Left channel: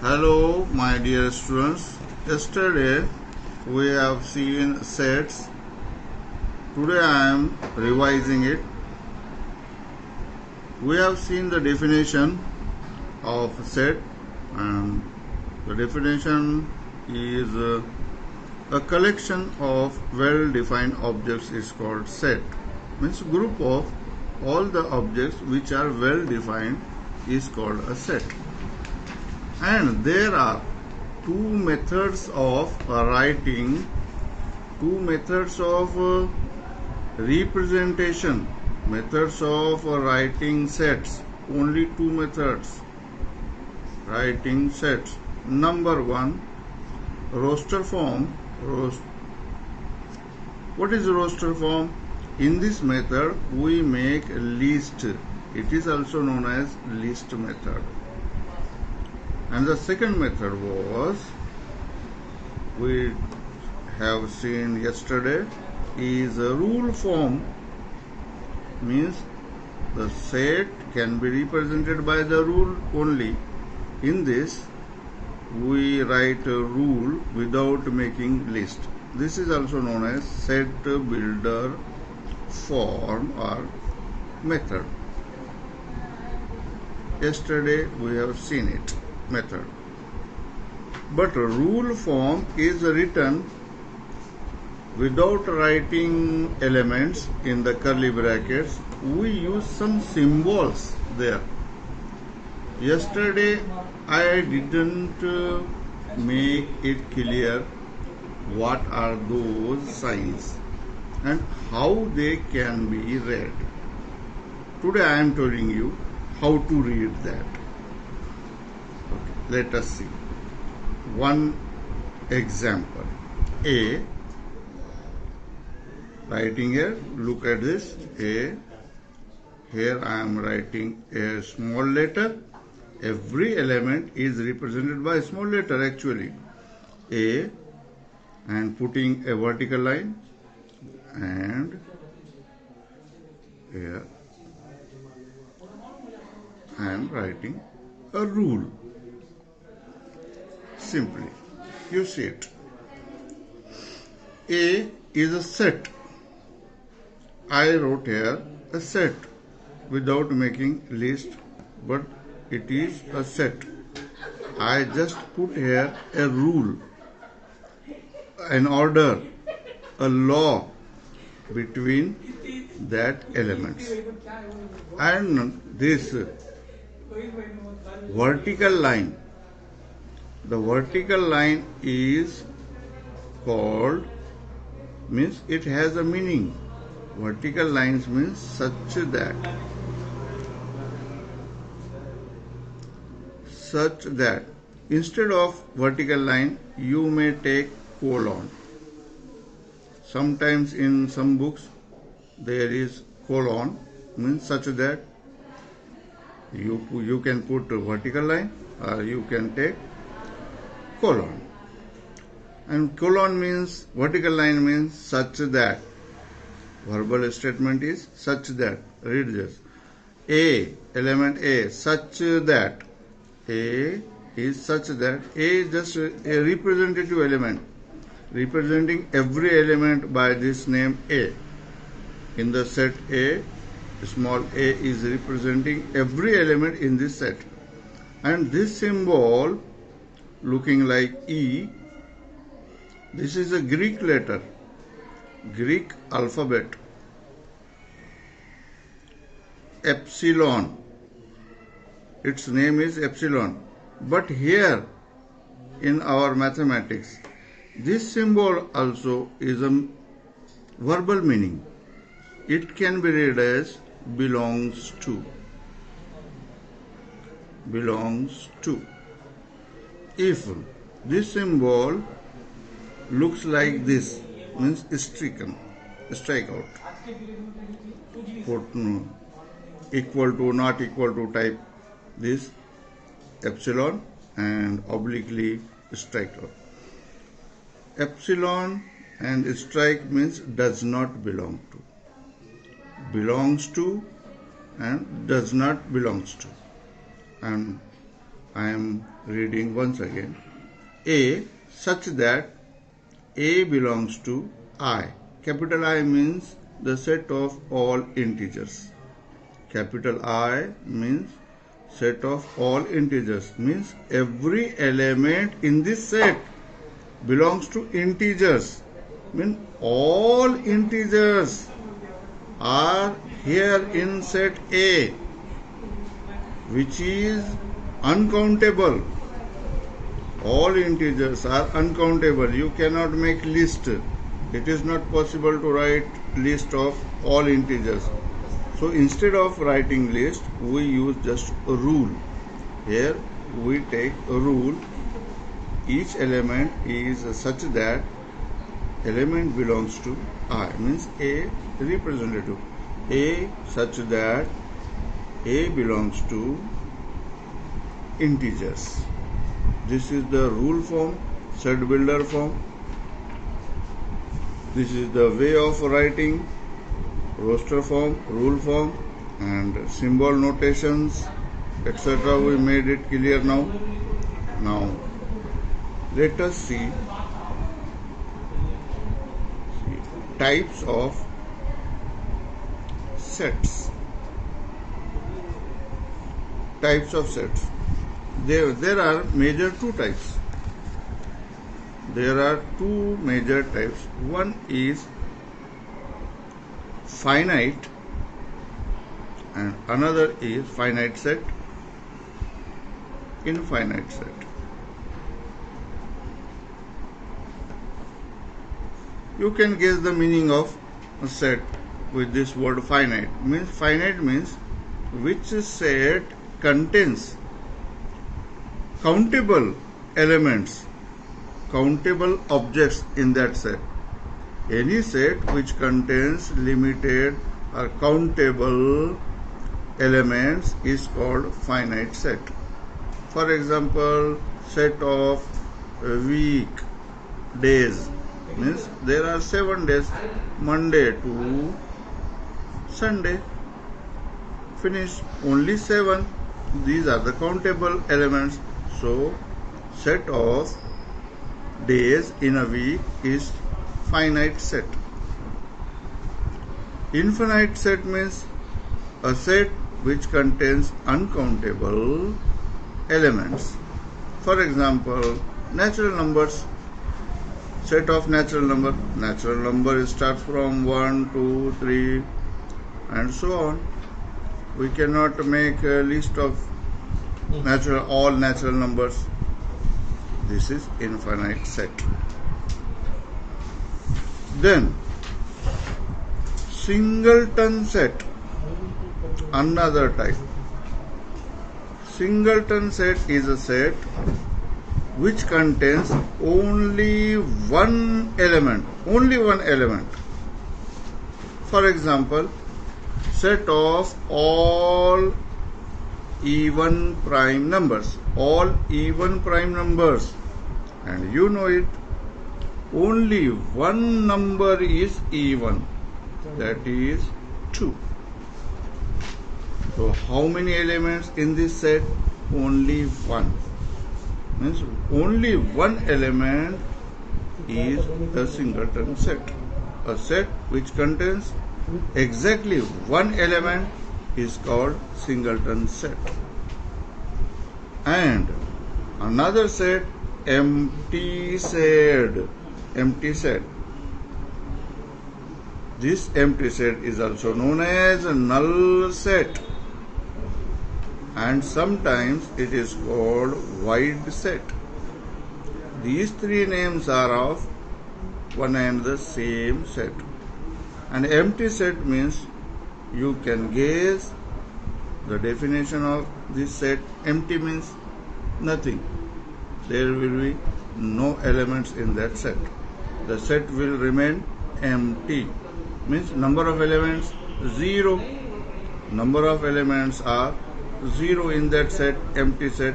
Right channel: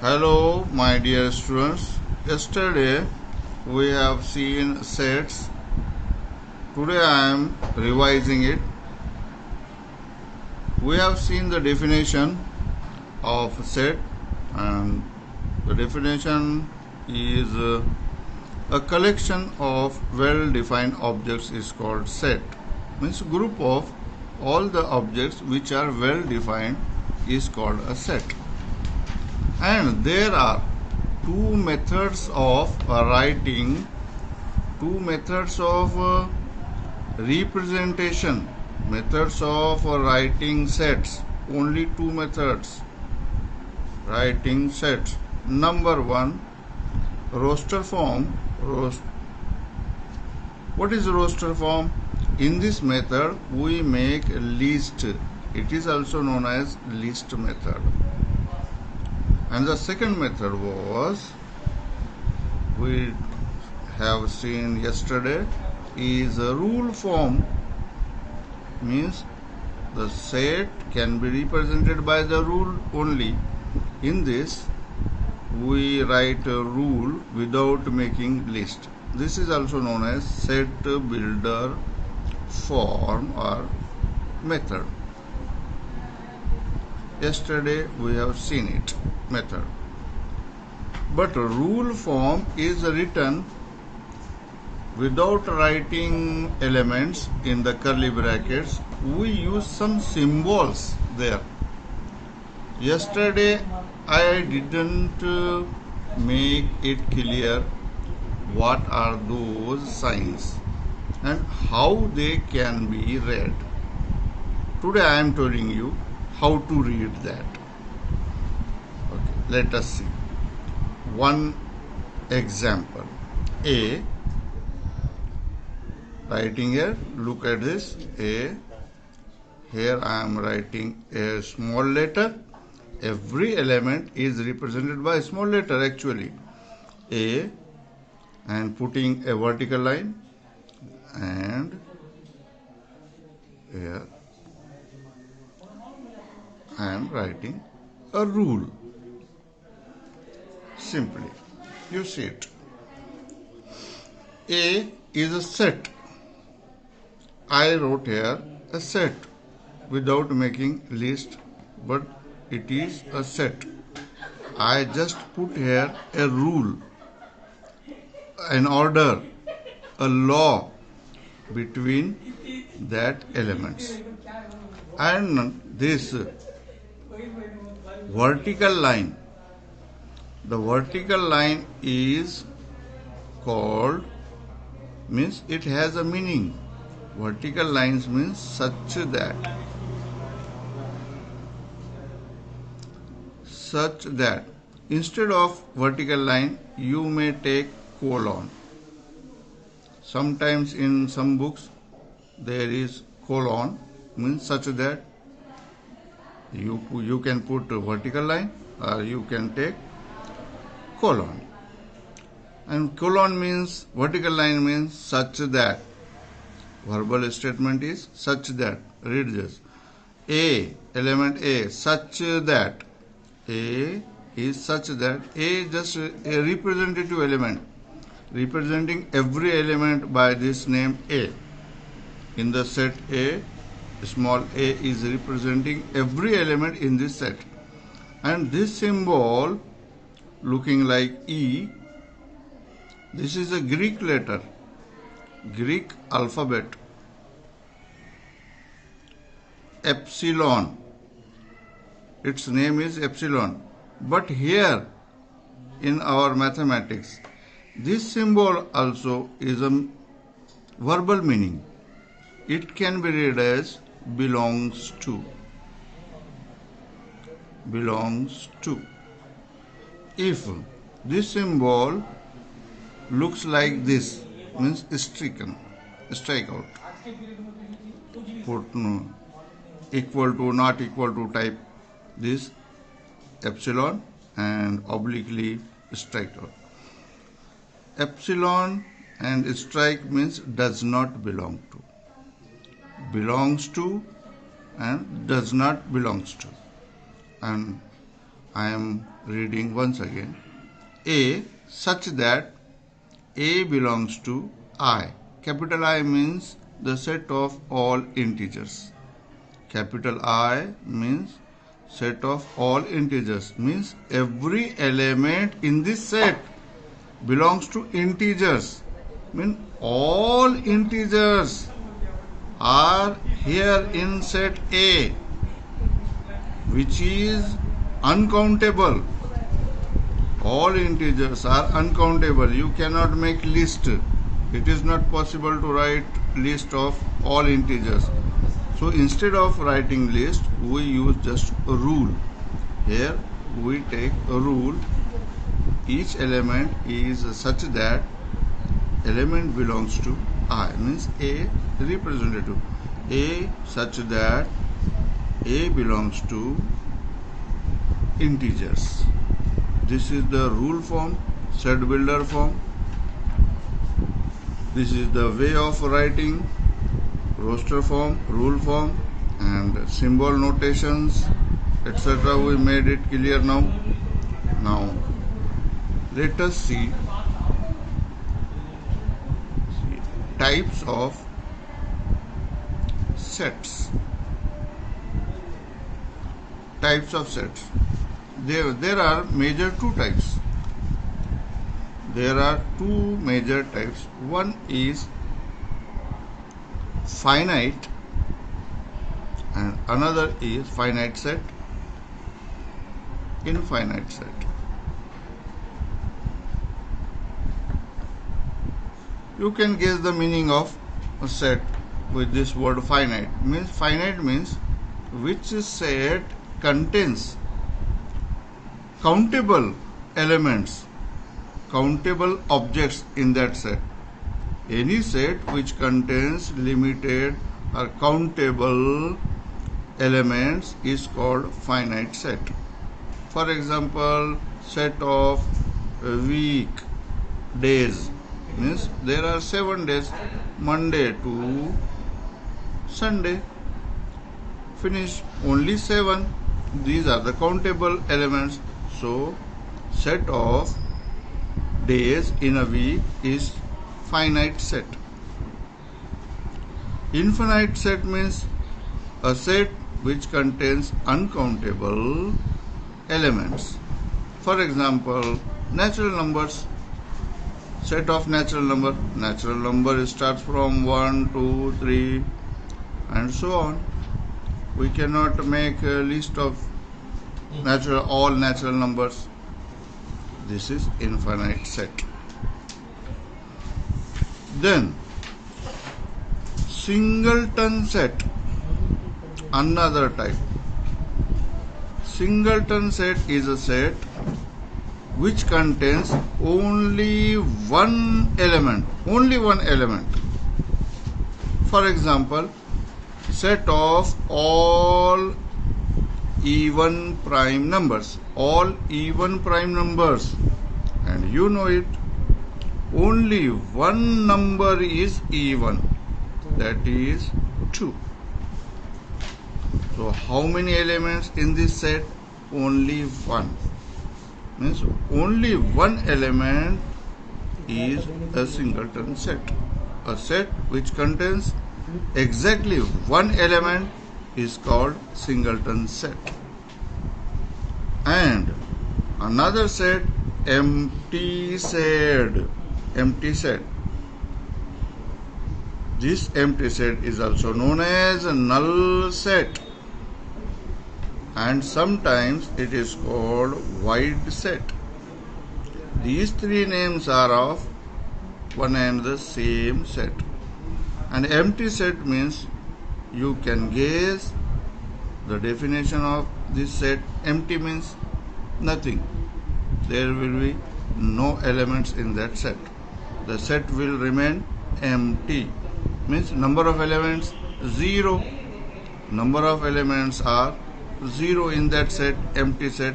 Hello, my dear students. Yesterday we have seen sets. Today I am revising it. We have seen the definition of set, and the definition is a collection of well-defined objects is called set. Means group of all the objects which are well defined is called a set. And there are two methods of writing, two methods of representation, methods of writing sets, only two methods writing sets. Number one, roster form. What is roster form? In this method we make a list. It is also known as list method. And the second method was, we have seen yesterday, is a rule form. Means the set can be represented by the rule only. In this we write a rule without making list. This is also known as set builder form or method. Yesterday we have seen it, method. But rule form is written without writing elements in the curly brackets. We use some symbols there. Yesterday I didn't make it clear what are those signs and how they can be read. Today I am telling you how to read that. Okay, let us see. One example. A, writing here, look at this. A, here I am writing a small letter. Every element is represented by a small letter actually. A, and putting a vertical line, and here I am writing a rule. Simply, you see it. A is a set. I wrote here a set without making list, but it is a set. I just put here a rule, an order, a law between that elements. And this vertical line, the vertical line is called, means it has a meaning. Vertical lines means such that instead of vertical line you may take colon. Sometimes in some books there is colon, means such that you can put a vertical line or you can take colon. And colon means, vertical line means such that. Verbal statement is such that. Read this. A, element A, such that. A is such that. A is just a representative element, representing every element by this name A. In the set A, small a is representing every element in this set. And this symbol looking like E, this is a Greek letter, Greek alphabet. Epsilon, its name is epsilon. But here in our mathematics, this symbol also is a verbal meaning. It can be read as belongs to. Belongs to. If this symbol looks like this, means strike out. Put equal to, not equal to type this epsilon and obliquely strike out. Epsilon and strike means does not belong to. Belongs to and does not belongs to. And I am reading once again. A such that A belongs to I. Capital I means the set of all integers. Capital I means set of all integers, means every element in this set belongs to integers. Means all integers are here in set A, which is uncountable. All integers are uncountable. You cannot make list. It is not possible to write list of all integers. So instead of writing list, we use just a rule. Here we take a rule. Each element is such that element belongs to I, means A representative. A such that A belongs to integers. This is the rule form, set builder form. This is the way of writing, roster form, rule form, and symbol notations, etc. We made it clear now. Now, let us see types of sets. Types of sets. There are major two types. There are two major types. One is finite and another is finite set, infinite set. You can guess the meaning of a set with this word finite. Finite means which set contains countable elements, countable objects in that set. Any set which contains limited or countable elements is called finite set. For example, set of week days means there are 7 days, Monday to Sunday. Finish, only 7. These are the countable elements. So, set of days in a week is finite set. Infinite set means a set which contains uncountable elements. For example, natural numbers. Set of natural number. Natural number starts from 1, 2, 3 and so on. We cannot make a list of all natural numbers. This is infinite set. Then singleton set, another type. Singleton set is a set which contains only one element. For example, set of all even prime numbers. All even prime numbers. And you know it. Only one number is even. That is 2. So how many elements in this set? Only one. Means only one element is a singleton set. A set which contains exactly one element is called singleton set. And another set, empty set. This empty set is also known as a null set, and sometimes it is called void set. These three names are of one and the same set. An empty set means you can guess the definition of this set. Empty means nothing. There will be no elements in that set. The set will remain empty. Means number of elements 0. Number of elements are 0 in that set, empty set.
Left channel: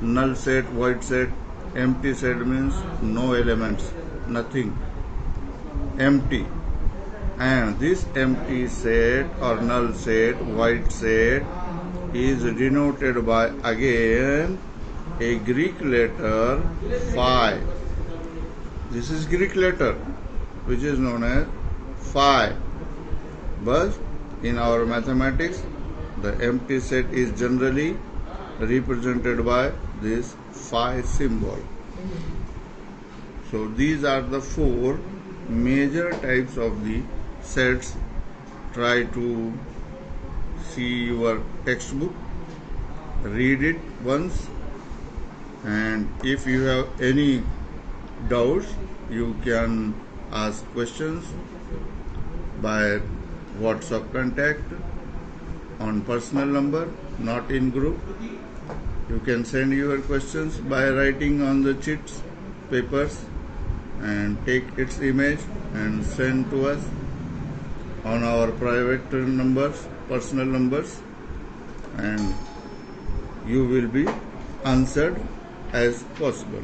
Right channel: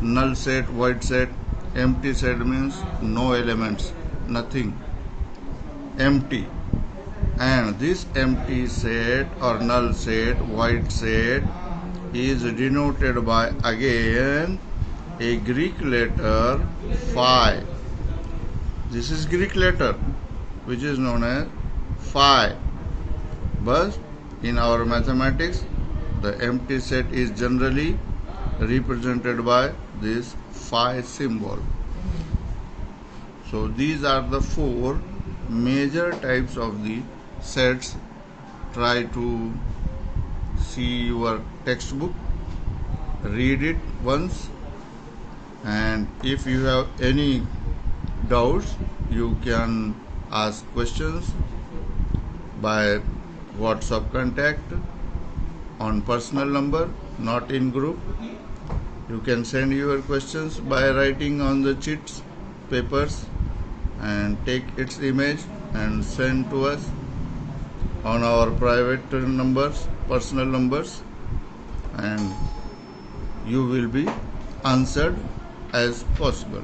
Null set, void set. Empty set means no elements, nothing, empty. And this empty set or null set, void set is denoted by again a Greek letter phi. This is Greek letter which is known as phi. But in our mathematics, the empty set is generally represented by this phi symbol. So these are the four major types of the sets. Try to see your textbook, read it once, and if you have any doubts, you can ask questions by WhatsApp contact on personal number, not in group. You can send your questions by writing on the sheets, papers, and take its image and send to us on our private numbers, personal numbers, and you will be answered as possible.